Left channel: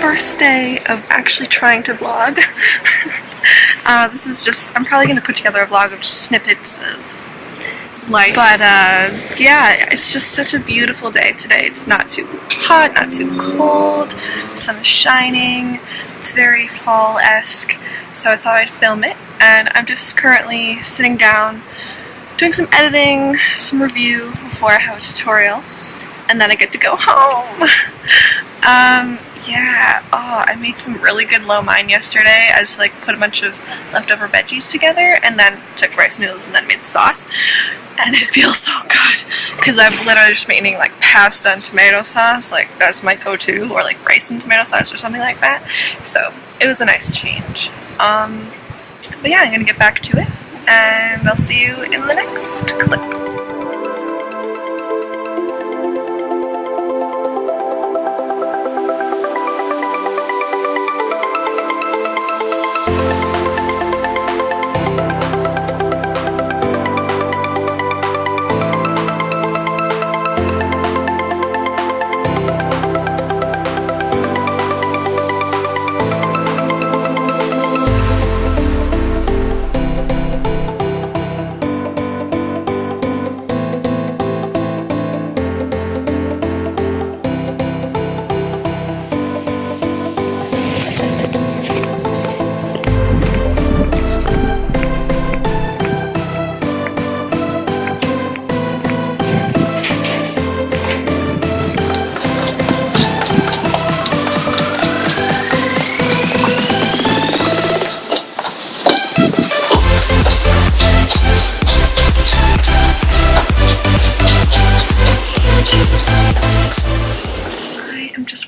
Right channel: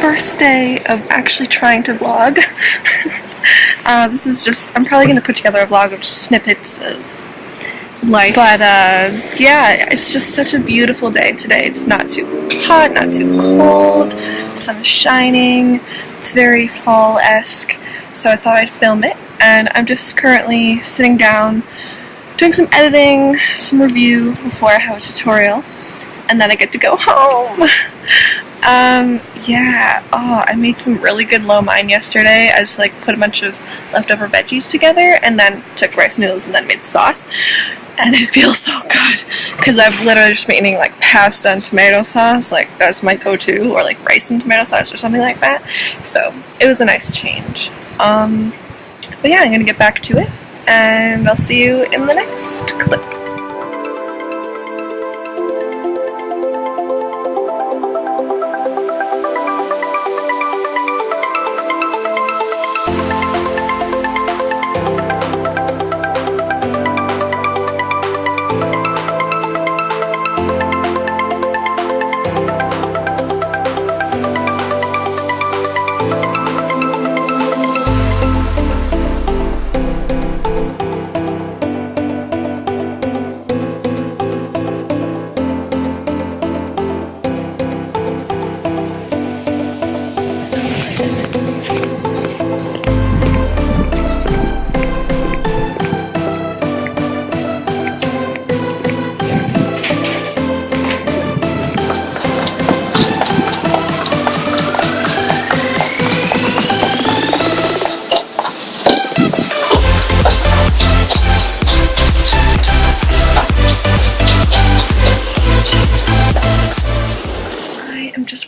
first day of actually trying to vlog. This is just, I'm probably going to put together a vlog of just snippets of life. But yeah, it's just such a beautiful day today. It's not too hot, not too cold, the sun is shining, it's very fall-esque, so I thought I'd film it. And I'm just currently sitting down, doing some editing, some review before I have a tutorial, and then I get to go home. Yeah, I made some really good lo mein yesterday. I just like put a bunch of leftover veggies together and then took rice noodles and then made sauce. And it feels so good because I've literally just been eating like pasta and tomato sauce, like that's my go-to, or like rice and tomato sauce or something like that. So it was a nice change. But yeah, I'm gonna get back to it and I'll see you in the next clip.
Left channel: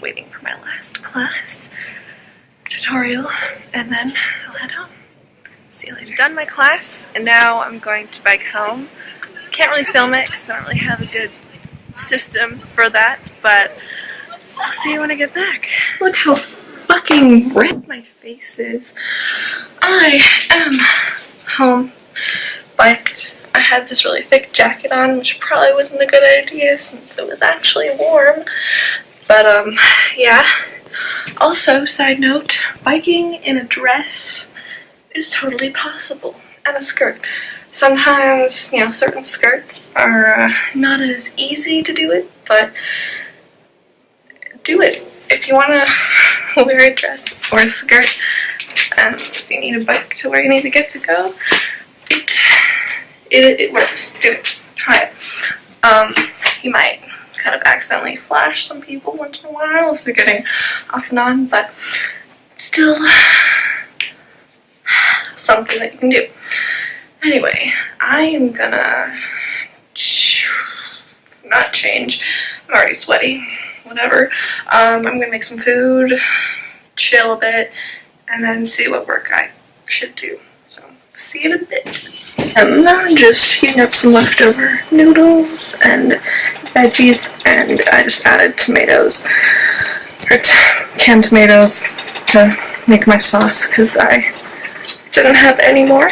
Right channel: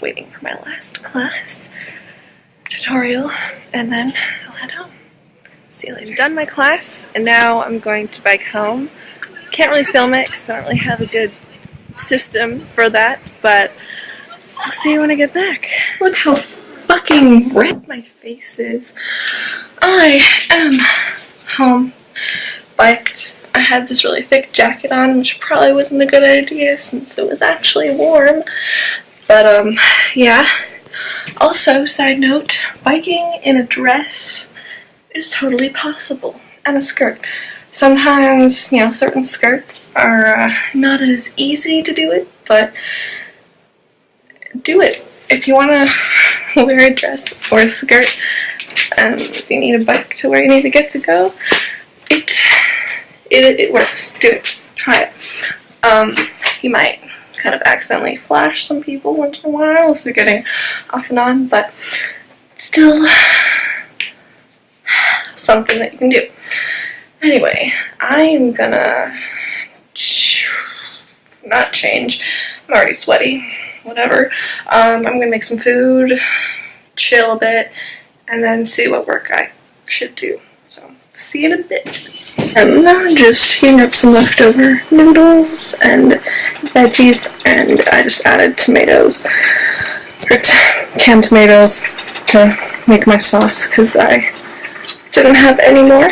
Waiting for my last class tutorial and then I'll head home. See you later. I've done my class and now I'm going to bike home. Can't really film it because I don't really have a good system for that, but I'll see you when I get back. Look how fucking red my face is. I am home, biked. I had this really thick jacket on, which probably wasn't a good idea since it was actually warm. But, yeah. Also, side note, biking in a dress is totally possible. And a skirt. Sometimes, you know, certain skirts are not as easy to do it, but do it. If you want to wear a dress or a skirt, and if you need a bike to where you need to get to go, it works. Do it. Try it. You might kind of accidentally flash some people once in a while, so getting off and on, but still something that you can do. Anyway, I am gonna not change. I'm already sweaty. Whatever. I'm gonna make some food, chill a bit, and then see what work I should do. So, see you in a bit. I'm just heating up some leftover noodles and veggies, and I just added tomatoes, or canned tomatoes, to make my sauce because I didn't have any more.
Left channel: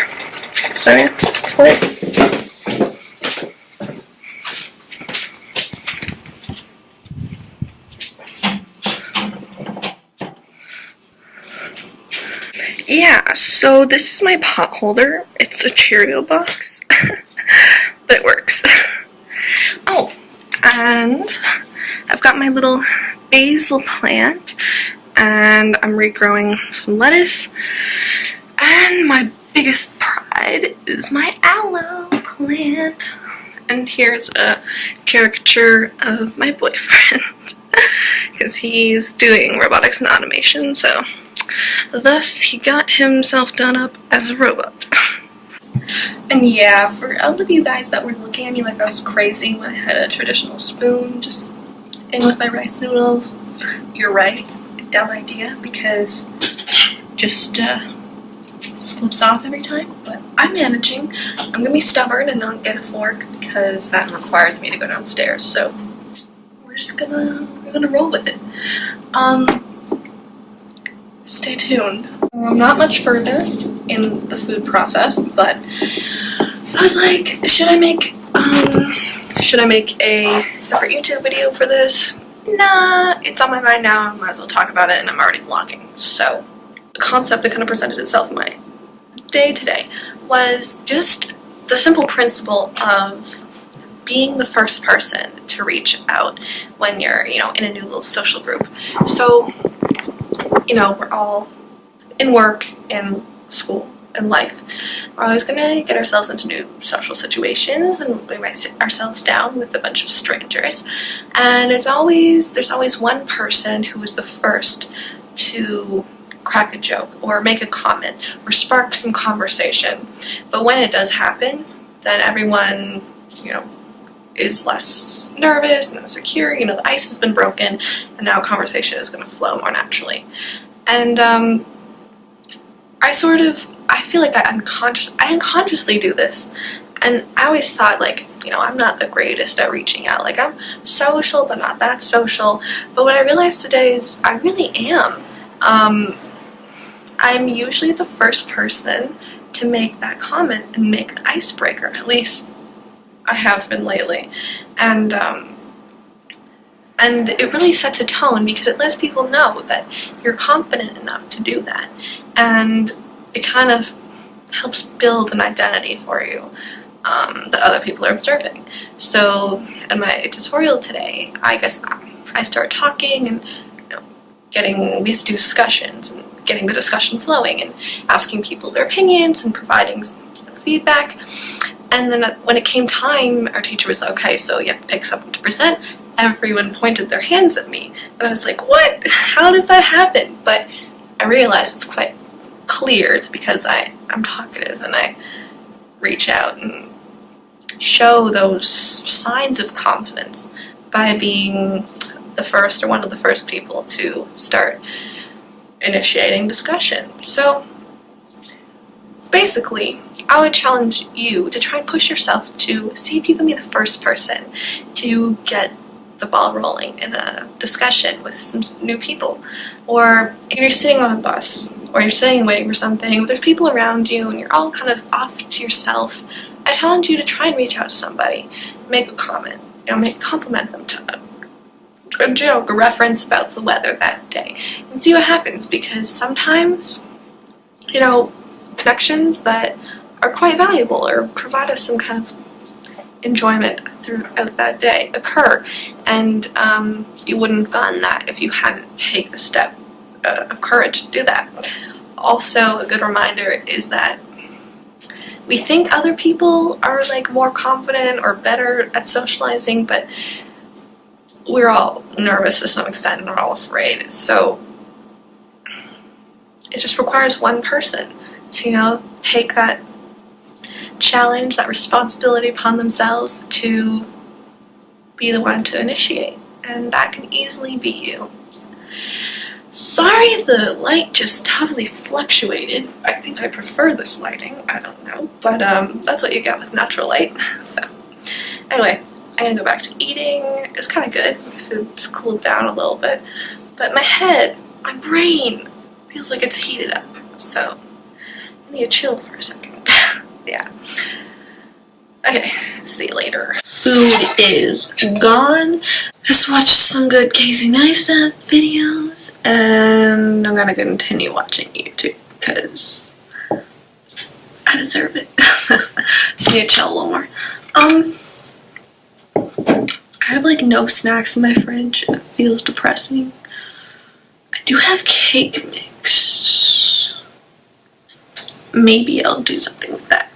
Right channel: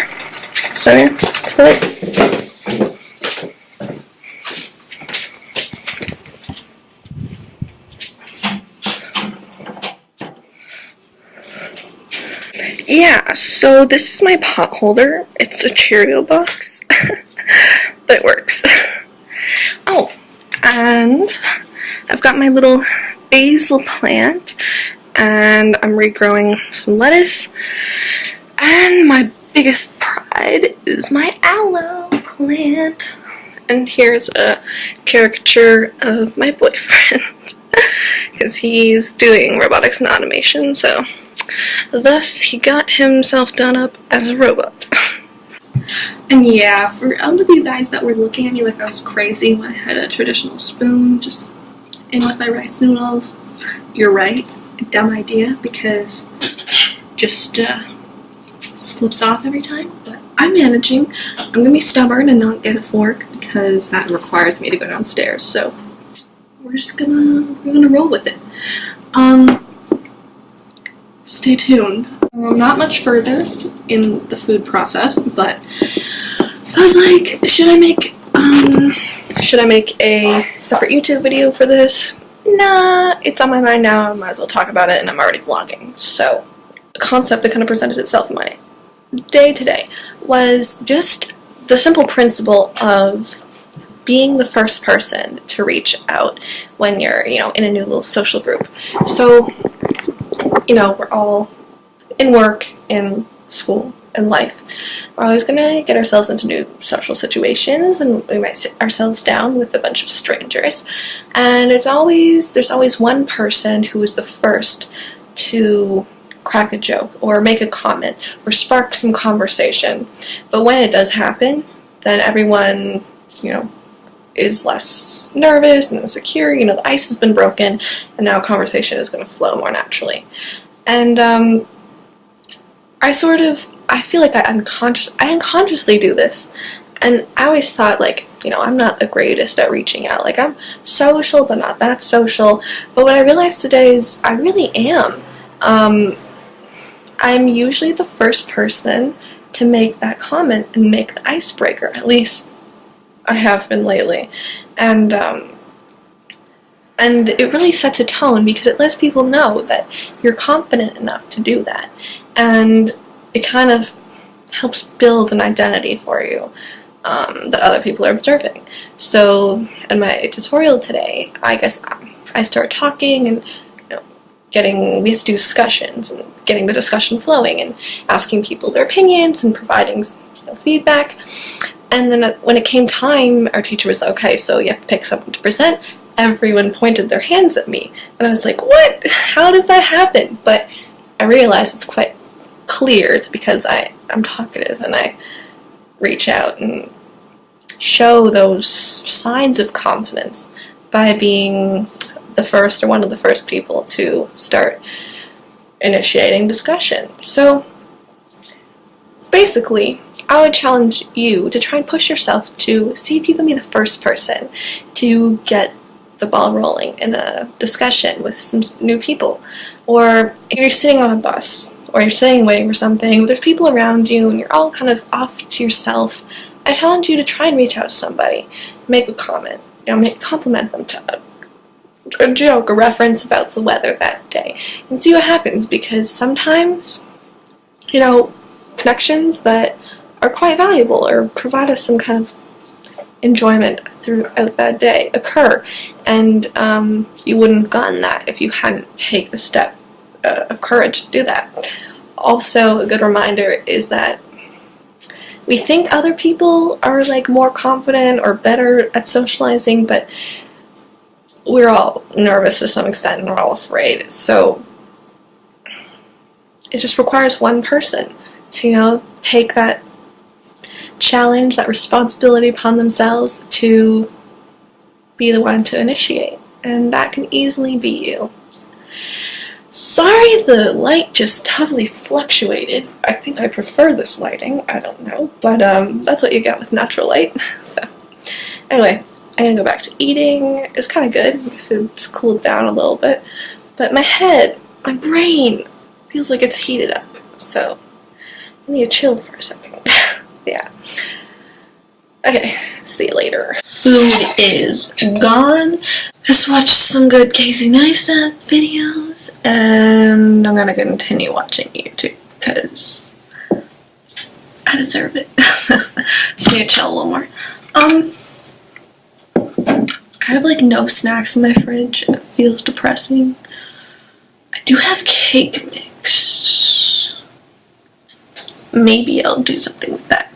So, that's right. Yeah, so this is my pot holder. It's a Cheerio box, but it works. Oh, and I've got my little basil plant, and I'm regrowing some lettuce, and my biggest pride is my aloe plant. And here's a caricature of my boyfriend, because he's doing robotics and automation, so thus he got himself done up as a robot. And yeah, for all of you guys that were looking at me like I was crazy when I had a traditional spoon just in with my rice noodles, you're right, dumb idea, because just slips off every time, but I'm managing. I'm gonna be stubborn and not get a fork because that requires me to go downstairs, so we're gonna roll with it. Stay tuned. Not much further in the food process, but I was like, should I make a separate YouTube video for this? nah, it's on my mind now, I might as well talk about it, and I'm already vlogging. So, the concept that kind of presented itself in my day today was just the simple principle of being the first person to reach out when you're, in a new little social group. So, we're all in work, in school, in life. We're always going to get ourselves into new social situations, and we might sit ourselves down with a bunch of strangers. And there's always one person who is the first to crack a joke or make a comment or spark some conversation. But when it does happen, then everyone, is less nervous and insecure. The ice has been broken, and now conversation is going to flow more naturally. And I feel like I unconsciously do this. And I always thought, I'm not the greatest at reaching out. I'm social, but not that social. But what I realized today is I really am. I'm usually the first person to make that comment and make the icebreaker. At least I have been lately. And it really sets a tone because it lets people know that you're confident enough to do that. And it kind of helps build an identity for you that other people are observing. So in my tutorial today, I guess I start talking and we have to do discussions and getting the discussion flowing and asking people their opinions and providing feedback. And then when it came time, our teacher was like, okay, so you have to pick something to present. Everyone pointed their hands at me. And I was like, what? How does that happen? But I realized it's quite clear. It's because I'm talkative and I reach out and show those signs of confidence by being the first or one of the first people to start initiating discussion. So basically, I would challenge you to try and push yourself to see if you can be the first person to get the ball rolling in a discussion with some new people. Or if you're sitting on a bus, or you're sitting and waiting for something, there's people around you, and you're all kind of off to yourself, I challenge you to try and reach out to somebody, make a comment, compliment them to a joke, a reference about the weather that day, and see what happens, because sometimes, connections that are quite valuable or provide us some kind of enjoyment throughout that day occur, and you wouldn't have gotten that if you hadn't taken the step of courage to do that. Also, a good reminder is that we think other people are more confident or better at socializing, but we're all nervous to some extent and we're all afraid. So it just requires one person to take that challenge, that responsibility upon themselves to be the one to initiate, and that can easily be you. Sorry, the light just totally fluctuated. I think I prefer this lighting. I don't know, but that's what you get with natural light. So anyway, I'm gonna go back to eating. It was kind of good. My food's cooled down a little bit, but my brain feels like it's heated up. So I need to chill for a second. Yeah. Okay, see you later. Food is gone. Just watched some good Casey Neistat videos, and I'm gonna continue watching YouTube because I deserve it. Just need to chill a little more. I have no snacks in my fridge, and it feels depressing. I do have cake mix. Maybe I'll do something with that.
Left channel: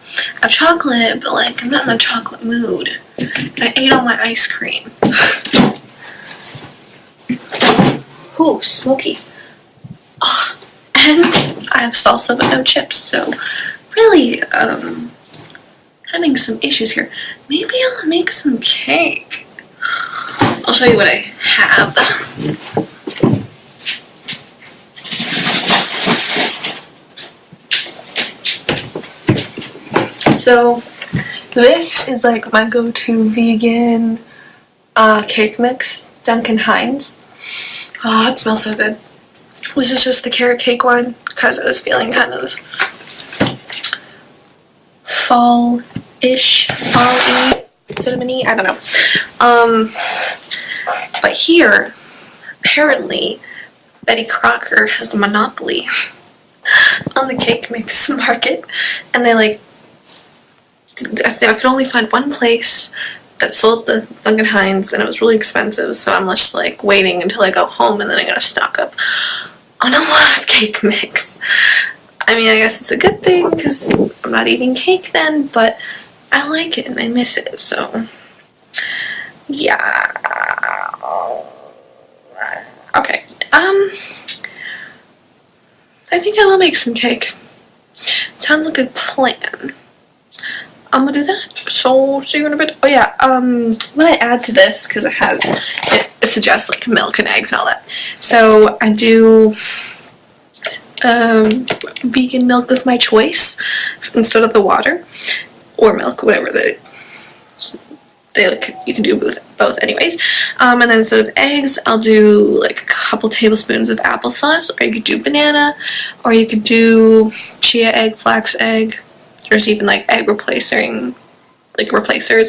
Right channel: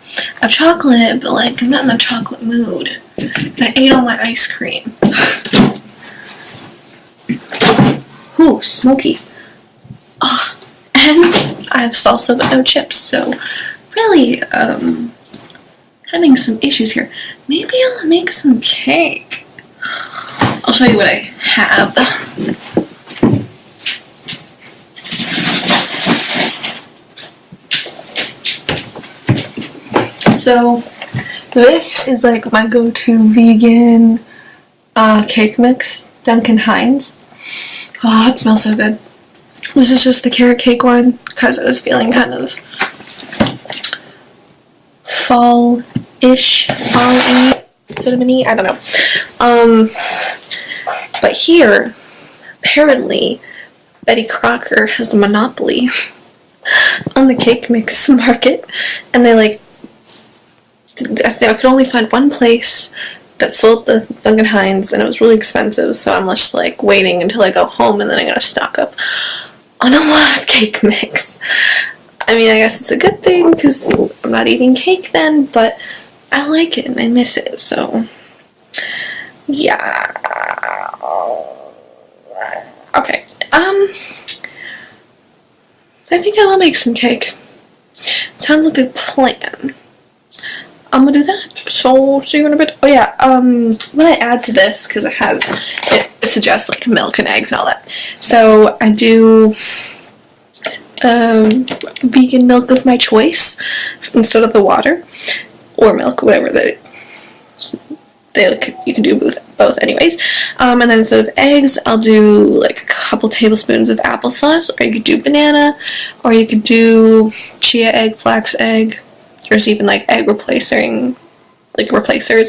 I have chocolate, but I'm not in the chocolate mood. And I ate all my ice cream. Ooh, smoky. Oh, and I have salsa but no chips, so really, having some issues here. Maybe I'll make some cake. I'll show you what I have. So, this is my go-to vegan cake mix, Duncan Hines. Oh, it smells so good. This is just the carrot cake one, because I was feeling kind of fall-ish, fall-y, cinnamony, I don't know. But here, apparently Betty Crocker has the monopoly on the cake mix market, and they like, I could only find one place that sold the Duncan Hines, and it was really expensive, so I'm just like waiting until I go home, and then I gotta stock up on a lot of cake mix. I mean, I guess it's a good thing because I'm not eating cake then, but I like it and I miss it, so yeah. Okay, I think I will make some cake. Sounds like a good plan. I'm gonna do that. So, see you in a bit. Oh yeah, what I add to this, because it suggests like milk and eggs and all that. So I do vegan milk of my choice instead of the water, or milk, whatever you can do both anyways. And then instead of eggs, I'll do like a couple tablespoons of applesauce, or you could do banana, or you could do chia egg, flax egg. There's even like egg replacers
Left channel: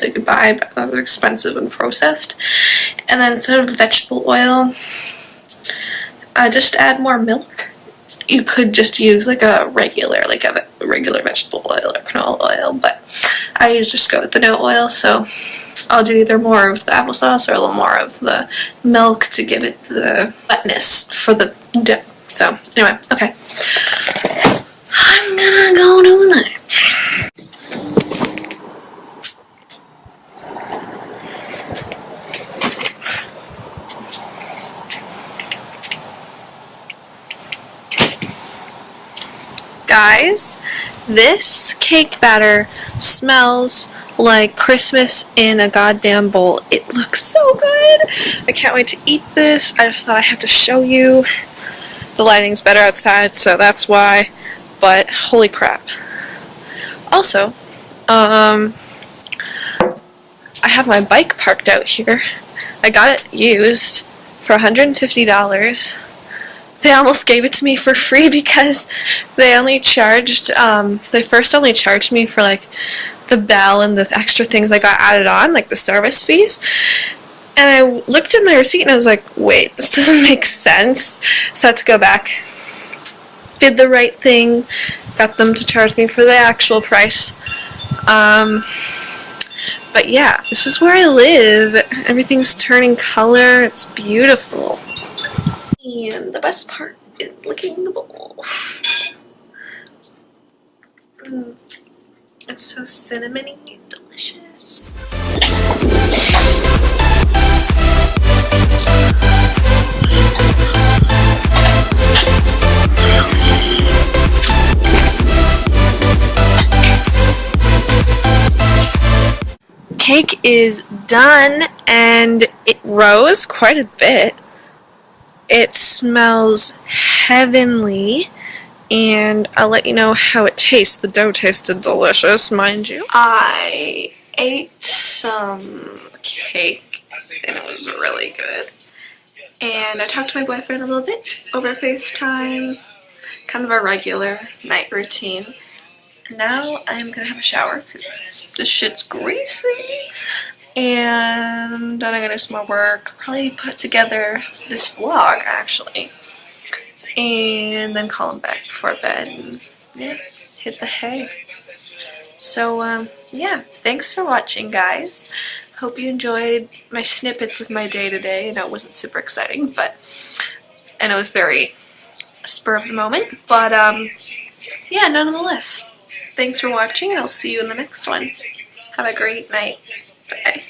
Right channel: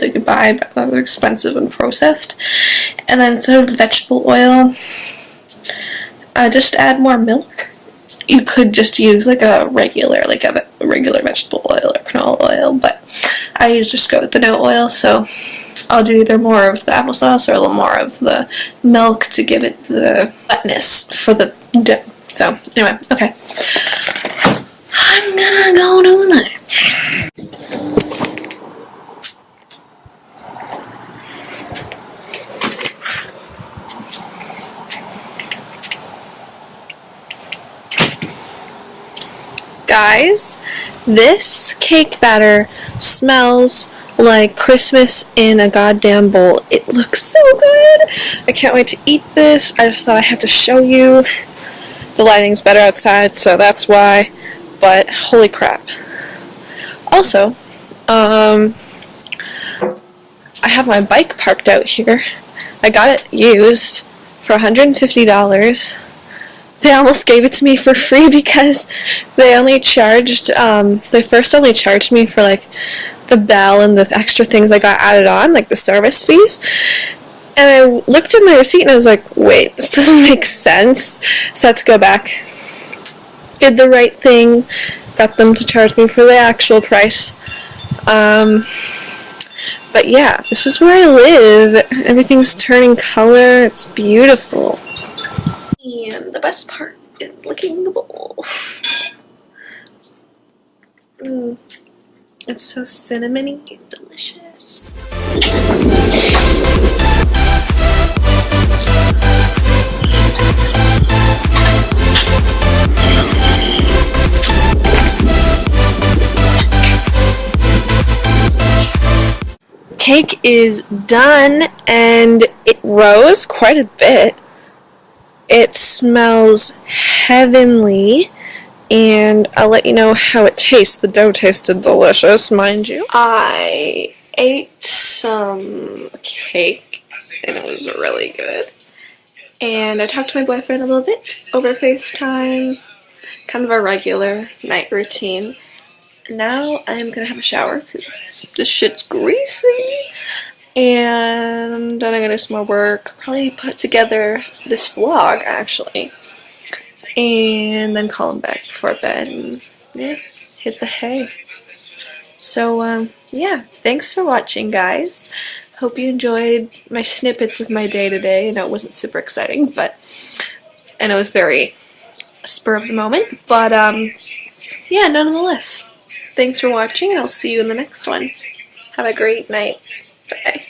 I could buy, but they're expensive and processed. And then instead of vegetable oil, just add more milk. You could just use like a regular vegetable oil or canola oil, but I usually just go with the no oil, so I'll do either more of the applesauce or a little more of the milk to give it the wetness for the dough. So, anyway, okay. I'm gonna go do that. Guys, this cake batter smells like Christmas in a goddamn bowl. It looks so good. I can't wait to eat this. I just thought I had to show you. The lighting's better outside, so that's why. But holy crap. Also, I have my bike parked out here. I got it used for $150. They almost gave it to me for free because they only charged, they first only charged me for like the bell and the extra things I got added on, like the service fees. And I looked at my receipt and I was like, wait, this doesn't make sense. So I had to go back. Did the right thing, got them to charge me for the actual price. But yeah, this is where I live. Everything's turning color. It's beautiful. And the best part is licking the bowl. It's so cinnamony and delicious. Cake is done, and it rose quite a bit. It smells heavenly, and I'll let you know how it tastes. The dough tasted delicious, mind you. I ate some cake, and it was really good. And I talked to my boyfriend a little bit over FaceTime, kind of a regular night routine. Now I'm gonna have a shower because this shit's greasy. And then I'm gonna do some more work, probably put together this vlog actually, and then call him back before bed and yeah, hit the hay. So yeah, thanks for watching, guys. Hope you enjoyed my snippets of my day today. I know it wasn't super exciting, but and it was very spur of the moment, but yeah, nonetheless, thanks for watching, and I'll see you in the next one. Have a great night. Bye.